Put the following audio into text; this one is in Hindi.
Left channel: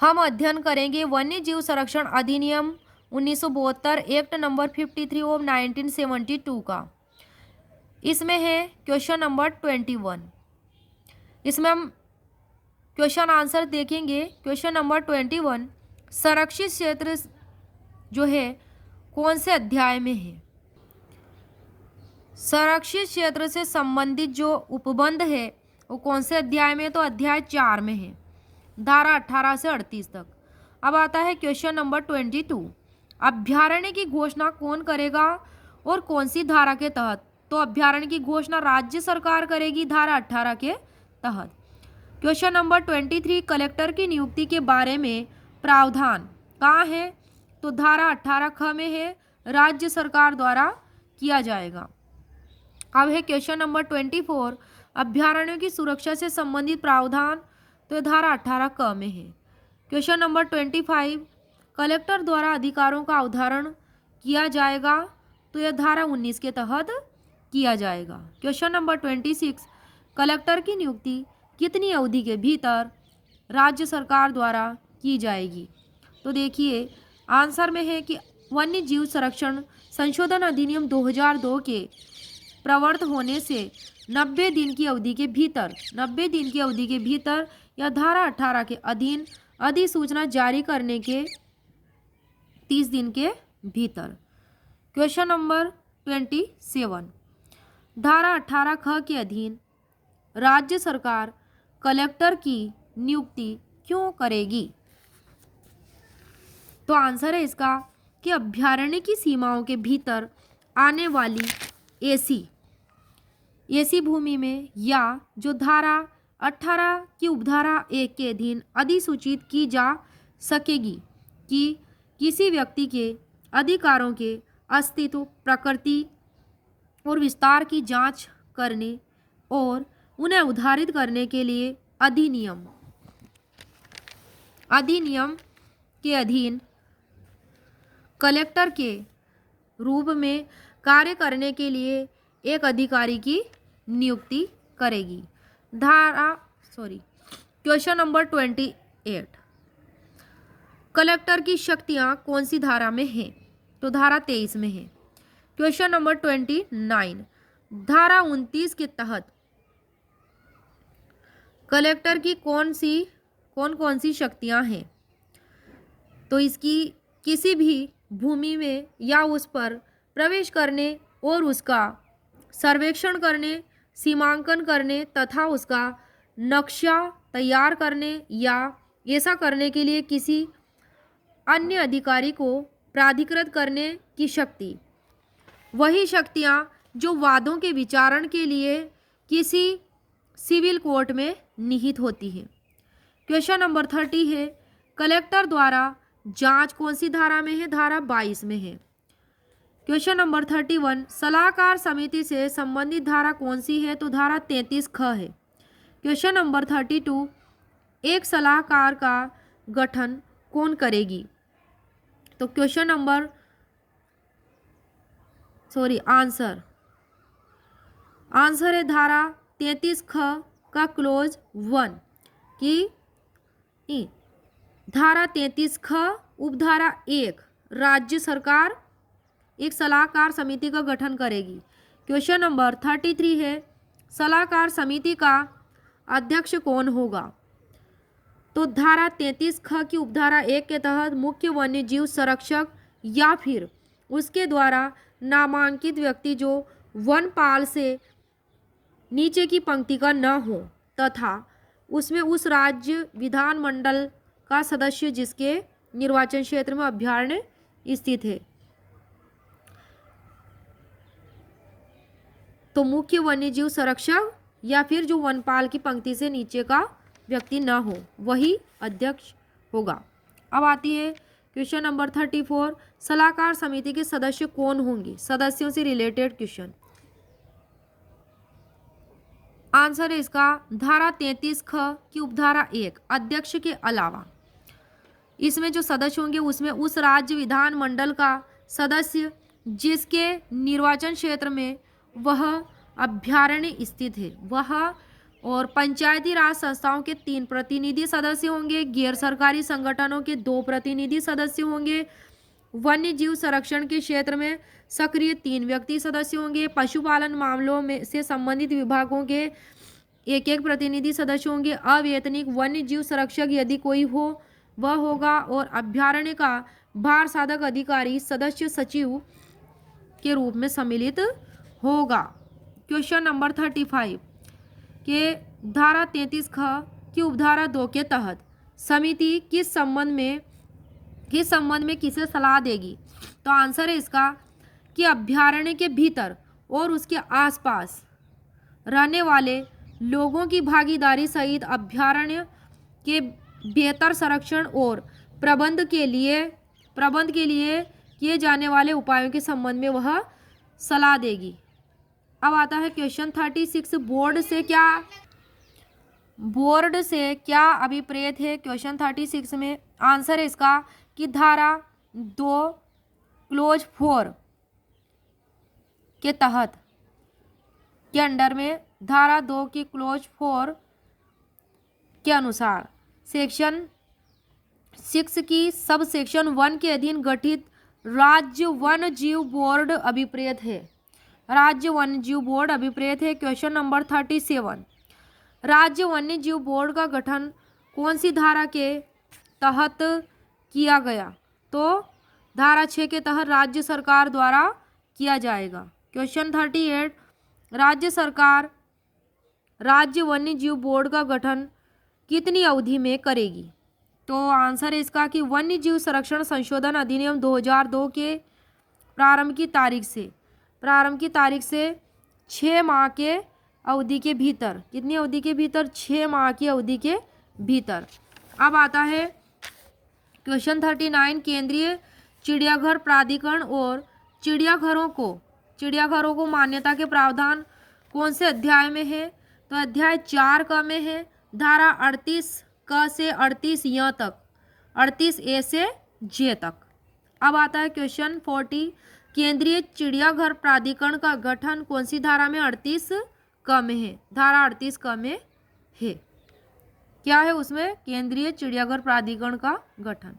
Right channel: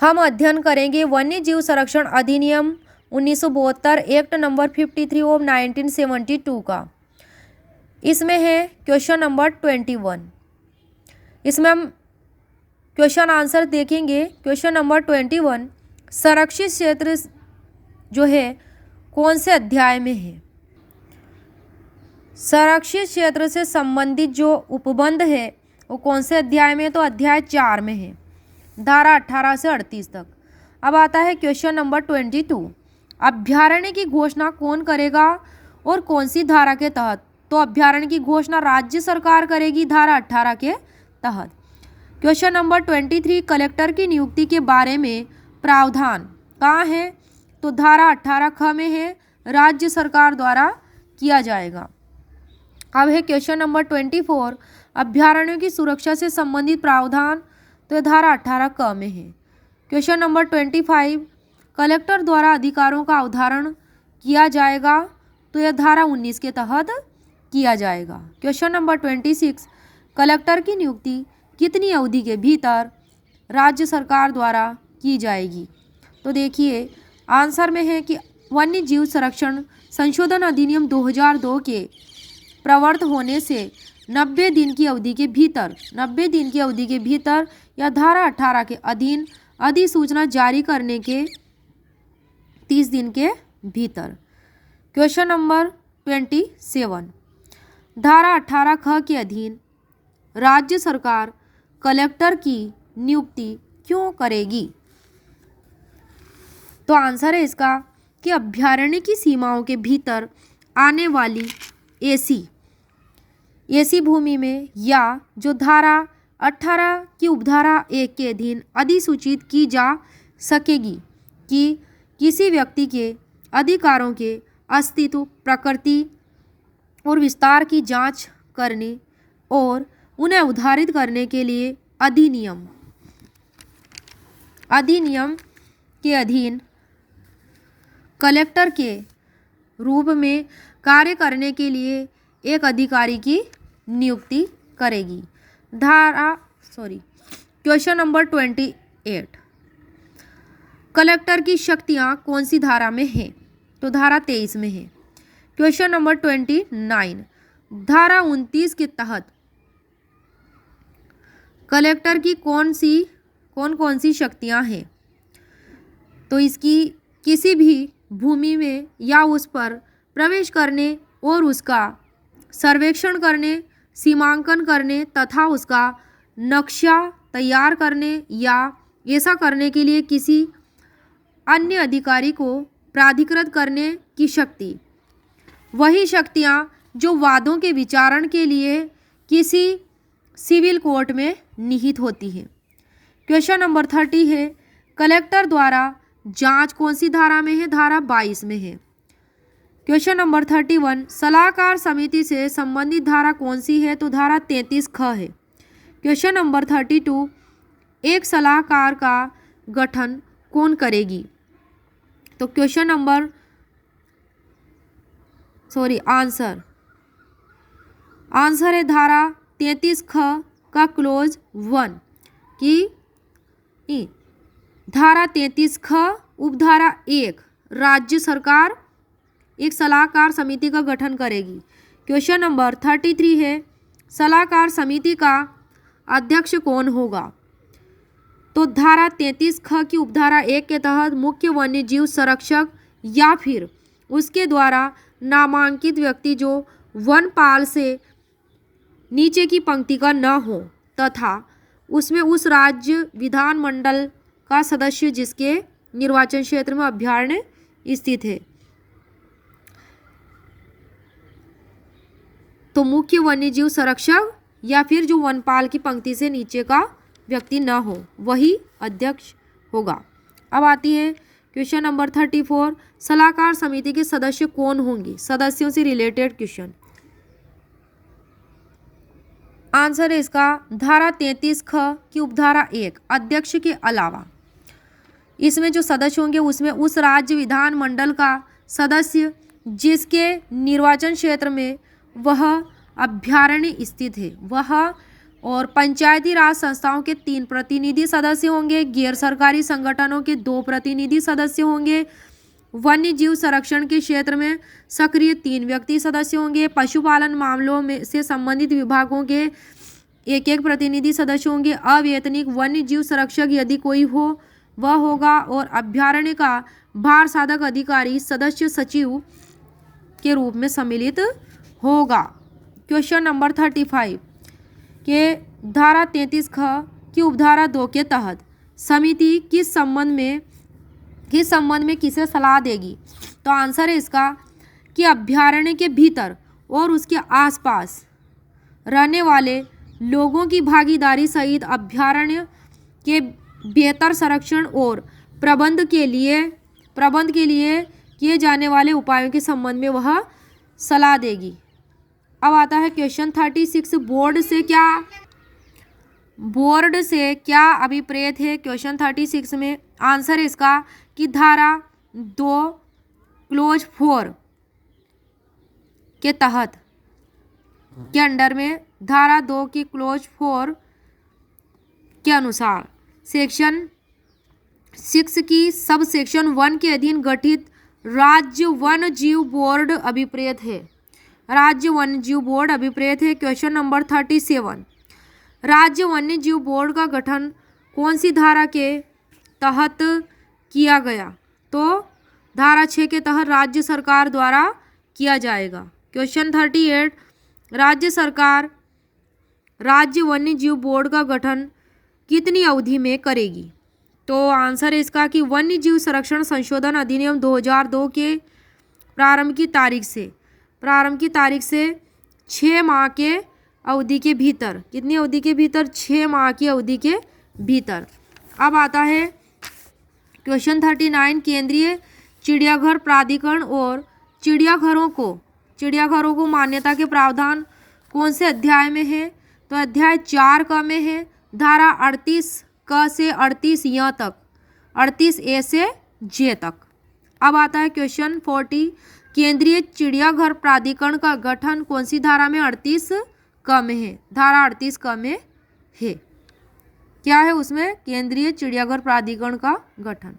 हम अध्ययन करेंगे वन्य जीव संरक्षण अधिनियम 1972 एक्ट नंबर 53 ऑफ 1972 का। इसमें है क्वेश्चन नंबर 21। इसमें हम क्वेश्चन आंसर देखेंगे। क्वेश्चन नंबर 21, संरक्षित क्षेत्र जो है कौन से अध्याय में है? संरक्षित क्षेत्र से संबंधित जो उपबंध है वो कौन से अध्याय में है? तो अध्याय 4 में है, धारा 18 से 38 तक। अब आता है क्वेश्चन नंबर 22, अभ्यारण्य की घोषणा कौन करेगा और कौन सी धारा के तहत? तो अभ्यारण्य की घोषणा राज्य सरकार करेगी, धारा 18 के तहत। क्वेश्चन नंबर 23, कलेक्टर की नियुक्ति के बारे में प्रावधान कहाँ है? तो धारा 18 ख में है, राज्य सरकार द्वारा किया जाएगा। अब है क्वेश्चन नंबर 24, अभ्यारण्यों की सुरक्षा से संबंधित प्रावधान, तो यह धारा 18 क में है। क्वेश्चन नंबर 25, कलेक्टर द्वारा अधिकारों का अवधारण किया जाएगा, तो यह धारा 19 के तहत किया जाएगा। क्वेश्चन नंबर 26, कलेक्टर की नियुक्ति कितनी अवधि के भीतर राज्य सरकार द्वारा की जाएगी? तो देखिए आंसर में है कि वन्य जीव संरक्षण संशोधन अधिनियम 2002 के प्रवर्त होने से 90 दिन की अवधि के भीतर, 90 दिन की अवधि के भीतर या धारा 18 के अधीन अधिसूचना जारी करने के 30 दिन के भीतर। क्वेश्चन नंबर 27, धारा 18 ख के अधीन राज्य सरकार कलेक्टर की नियुक्ति क्यों करेगी? तो आंसर है इसका कि अभ्यारण्य की सीमाओं के भीतर आने वाली ऐसी भूमि में या जो धारा 18 की उपधारा 1 के अधीन अधिसूचित की जा सकेगी कि किसी व्यक्ति के अधिकारों के अस्तित्व, प्रकृति और विस्तार की जांच करने और उन्हें उद्धारित करने के लिए अधिनियम के अधीन कलेक्टर के रूप में कार्य करने के लिए एक अधिकारी की नियुक्ति करेगी। क्वेश्चन नंबर 28, कलेक्टर की शक्तियां कौन सी धारा में है? तो धारा 23 में है। क्वेश्चन नंबर 29, धारा 29 के तहत कलेक्टर की कौन कौन सी शक्तियां हैं? तो इसकी किसी भी भूमि में या उस पर प्रवेश करने और उसका सर्वेक्षण करने, सीमांकन करने तथा उसका नक्शा तैयार करने या ऐसा करने के लिए किसी अन्य अधिकारी को प्राधिकृत करने की शक्ति। वही शक्तियां जो वादों के विचारण के लिए किसी सिविल कोर्ट में निहित होती हैं। क्वेश्चन नंबर 30 है, कलेक्टर द्वारा जांच कौन सी धारा में है? धारा 22 में है। क्वेश्चन नंबर 31, सलाहकार समिति से संबंधित धारा कौन सी है? तो धारा 33 ख है। क्वेश्चन नंबर 32, एक सलाहकार का गठन कौन करेगी? तो क्वेश्चन नंबर आंसर है धारा 33 ख का क्लोज 1 की धारा 33 ख उपधारा 1 राज्य सरकार एक सलाहकार समिति का गठन करेगी। क्वेश्चन नंबर 33 है, सलाहकार समिति का अध्यक्ष कौन होगा? तो धारा 33 ख की उपधारा 1 के तहत मुख्य वन्य जीव संरक्षक या फिर उसके द्वारा नामांकित व्यक्ति जो वनपाल से नीचे की पंक्ति का न हो तथा उसमें उस राज्य विधानमंडल का सदस्य जिसके निर्वाचन क्षेत्र में अभ्यारण्य स्थित है। तो मुख्य वन्यजीव संरक्षक या फिर जो वनपाल की पंक्ति से नीचे का व्यक्ति न हो वही अध्यक्ष होगा। अब आती है क्वेश्चन नंबर 34, सलाहकार समिति के सदस्य कौन होंगे? सदस्यों से रिलेटेड क्वेश्चन। आंसर है इसका धारा 33 ख की उपधारा 1 अध्यक्ष के अलावा इसमें जो सदस्य होंगे उसमें उस राज्य विधानमंडल का सदस्य जिसके निर्वाचन क्षेत्र में वह अभ्यारण्य स्थित है, वह और पंचायती राज संस्थाओं के 3 प्रतिनिधि सदस्य होंगे, गैर सरकारी संगठनों के 2 प्रतिनिधि सदस्य होंगे, वन्य जीव संरक्षण के क्षेत्र में सक्रिय 3 व्यक्ति सदस्य होंगे, पशुपालन मामलों में से संबंधित विभागों के 1-1 प्रतिनिधि सदस्य होंगे, अवैतनिक वन्य जीव संरक्षक यदि कोई हो वह होगा, और अभ्यारण्य का भार साधक अधिकारी सदस्य सचिव के रूप में सम्मिलित होगा। क्वेश्चन नंबर 35 के धारा 33 ख की उपधारा 2 के तहत समिति किस संबंध में किसे सलाह देगी? तो आंसर है इसका कि अभ्यारण्य के भीतर और उसके आसपास रहने वाले लोगों की भागीदारी सहित अभ्यारण्य के बेहतर संरक्षण और प्रबंध के लिए किए जाने वाले उपायों के संबंध में वह सलाह देगी। अब आता है क्वेश्चन 36 बोर्ड से क्या अभिप्रेत है? क्वेश्चन 36 में आंसर है इसका कि धारा 2 क्लोज 4 के तहत के अंडर में धारा 2 की क्लोज 4 के अनुसार सेक्शन 6 की सब सेक्शन 1 के अधीन गठित राज्य वन्य जीव बोर्ड अभिप्रेत है। राज्य वन्य जीव बोर्ड अभिप्रेत है। क्वेश्चन नंबर 37 राज्य वन्य जीव बोर्ड का गठन कौन सी धारा के तहत किया गया? तो धारा 6 के तहत राज्य सरकार द्वारा किया जाएगा। क्वेश्चन 38 राज्य सरकार राज्य वन्य जीव बोर्ड का गठन कितनी अवधि में करेगी? तो आंसर है इसका कि वन्य जीव संरक्षण संशोधन अधिनियम 2002 के प्रारंभ की तारीख से 6 माह के अवधि के भीतर, कितनी अवधि के भीतर? 6 माह की अवधि के भीतर। अब आता है क्वेश्चन 39 केंद्रीय चिड़ियाघर प्राधिकरण और चिड़ियाघरों को मान्यता के प्रावधान कौन से अध्याय में है? तो अध्याय 4 क में है, धारा 38 क से 38 य तक, 38 ए से जे तक। अब आता है क्वेश्चन 40 केंद्रीय चिड़ियाघर प्राधिकरण का गठन कौन सी धारा में? 38 क में है, धारा 38 क में है। क्या है उसमें? केंद्रीय चिड़ियाघर प्राधिकरण का गठन।